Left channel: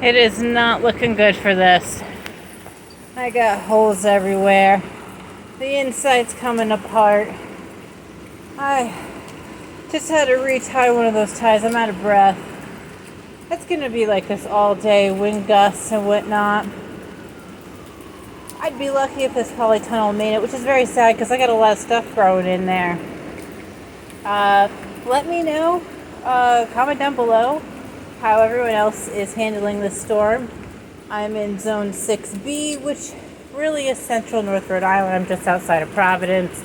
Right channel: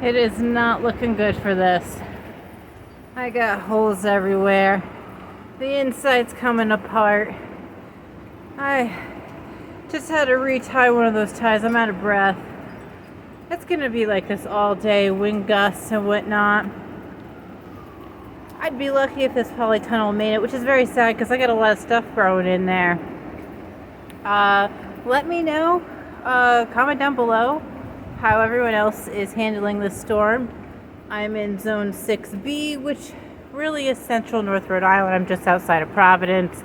It is not looking good for this. I got holes everywhere. The inside's coming apart. I just had to retie one of those ties. I'm out of breath. It's gonna be like this all day, wind gusts and whatnot. I'd be lucky if this polytunnel made it, which is very sad because I got a lot of stuff growing in there. Let me know, comment down below how everyone else is handling this storm. I'm in zone 6B, which really is central North Rhode Island. I'm just outside of Providence,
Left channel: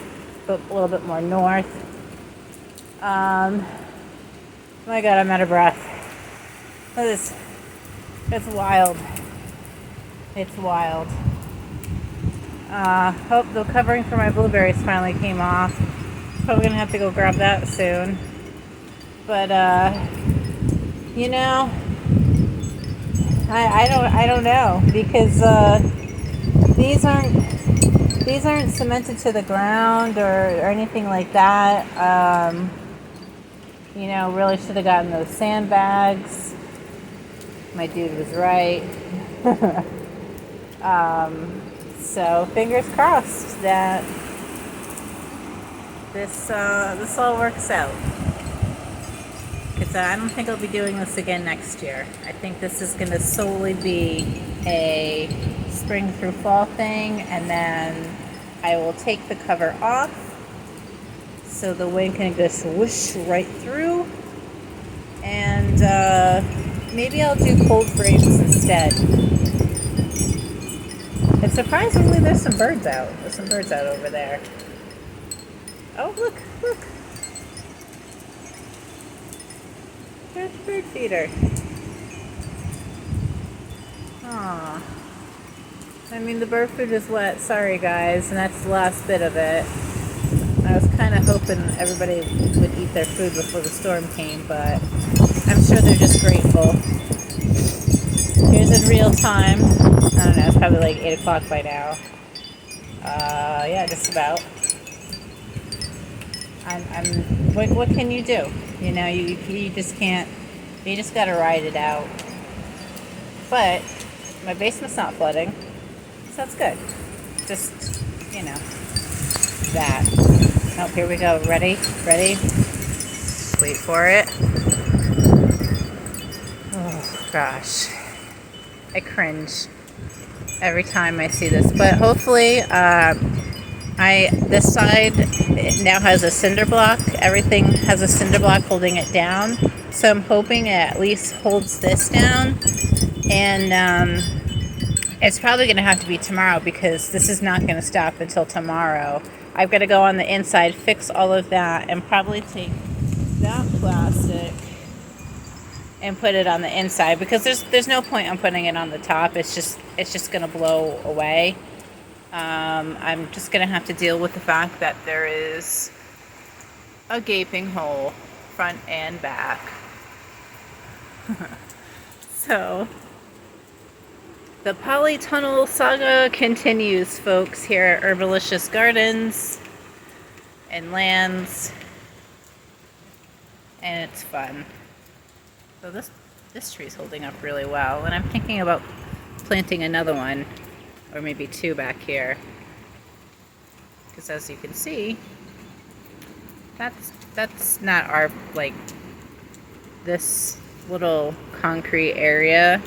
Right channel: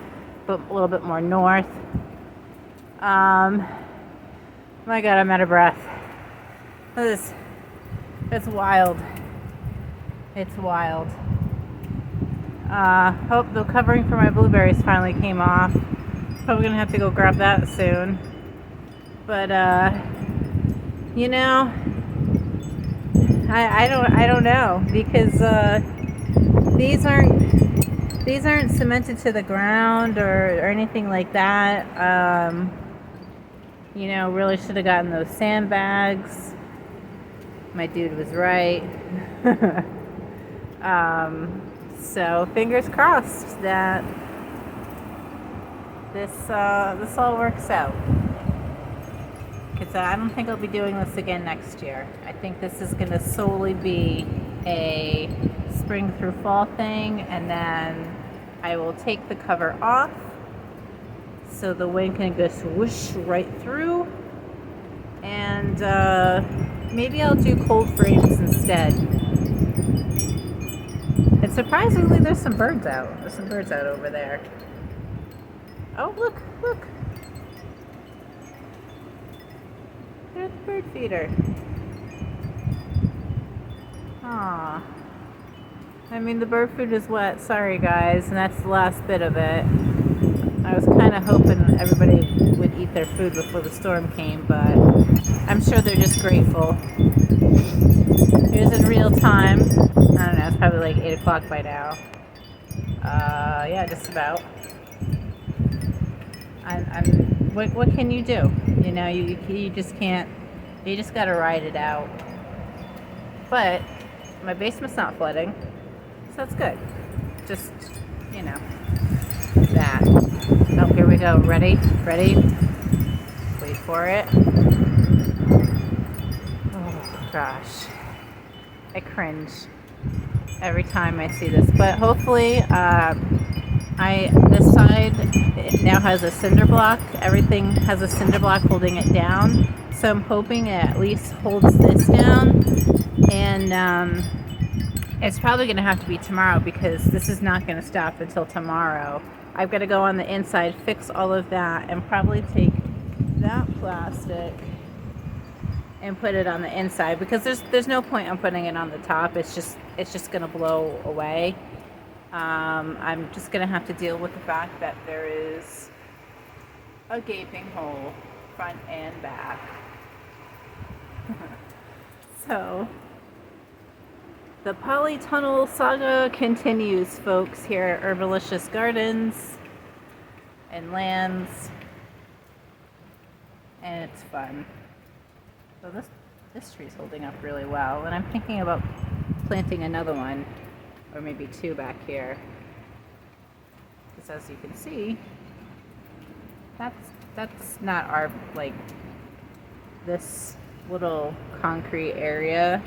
but a little bit more north. My God, I'm out of breath. It's wild. It's wild. Hope the covering for my blueberries finally came off. Probably gonna have to go grab that soon. But you know, I don't know because these aren't cemented to the ground or anything like that. You know, really should have gotten those sandbags. My dude was right. So fingers crossed that this all works out. Because I don't think I'll be doing this again next year. I think this is going to solely be a spring through fall thing, and then I will take the cover off so the wind can just whoosh right through, and maybe I'll do cold frames instead. And surprisingly, there's some birds out. There's some birds out over there. Oh, look, look. There's a bird feeder. Aw. I mean, the bird food is wet. Sorry, guys. And that's the last bit of it. I was kind of hoping everybody would eat their food before the storm came, but I'm sure they're just grateful. Here's in real time. I don't know, it's probably like 8 o'clock by now. Yeah, just about. What can you do? You know, you just can't, you just gotta ride it out. But my basement's not flooding, so that's good. Just, you know, that. Oh, here we go. Ready? Ready? Wait for it. Oh, gosh. I cringe every time I see this, but hopefully this side now has a cinder block. Everything has a cinder block holding it down, so I'm hoping it at least holds this down. And it's probably going to have to be tomorrow because this is not going to stop until tomorrow. I've got to go on the inside, fix all of that, and probably take that plastic and put it on the inside because there's no point in putting it on the top. It's just gonna blow away. I'm just gonna have to deal with the fact that there is a gaping hole front and back. So the polytunnel saga continues, folks, here at Herbalicious Gardens and Lands, and it's fun. So this tree's holding up really well, and I'm thinking about planting another one, or maybe two back here. Because as you can see, that's not our, like, this little concrete area,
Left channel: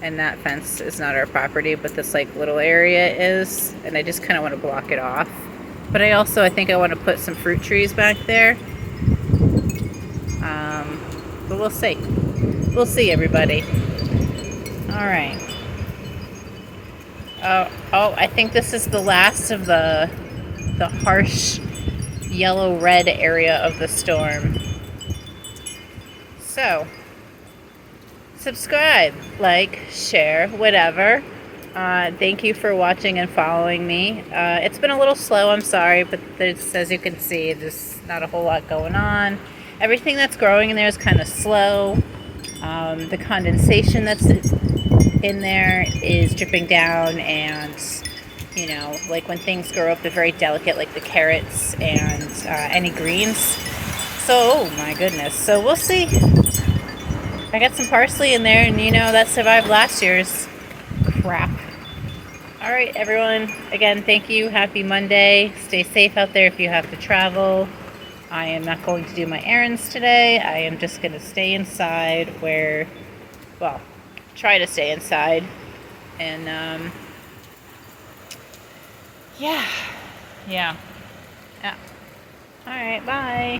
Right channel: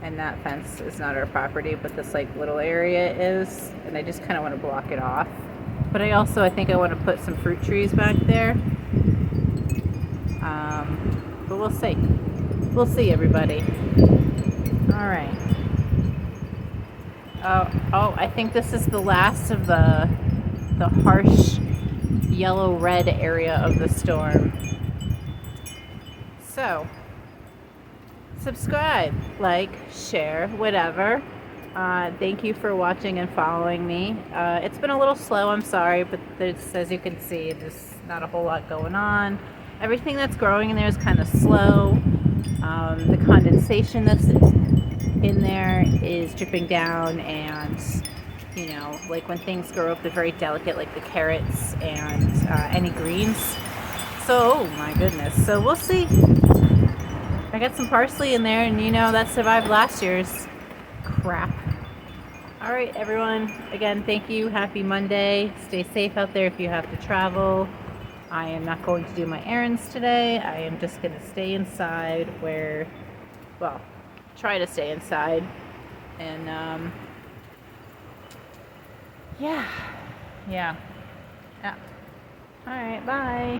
and that fence is not our property, but this like little area is, and I just kind of want to block it off. But I think I want to put some fruit trees back there. But we'll see. We'll see, everybody. All right. Oh, I think this is the last of the harsh yellow-red area of the storm. So, subscribe, like, share, whatever. Thank you for watching and following me. It's been a little slow, I'm sorry, but there's, as you can see, there's not a whole lot going on. Everything that's growing in there is kind of slow. The condensation that's in there is dripping down, and you know, like when things grow up, they're very delicate, like the carrots and any greens. So, oh my goodness. So we'll see. I got some parsley in there, and you know, that survived last year's crap. All right, everyone. Again, thank you. Happy Monday. Stay safe out there if you have to travel. I am not going to do my errands today. I am just going to stay inside well, try to stay inside. And, yeah. Yeah. All right, bye.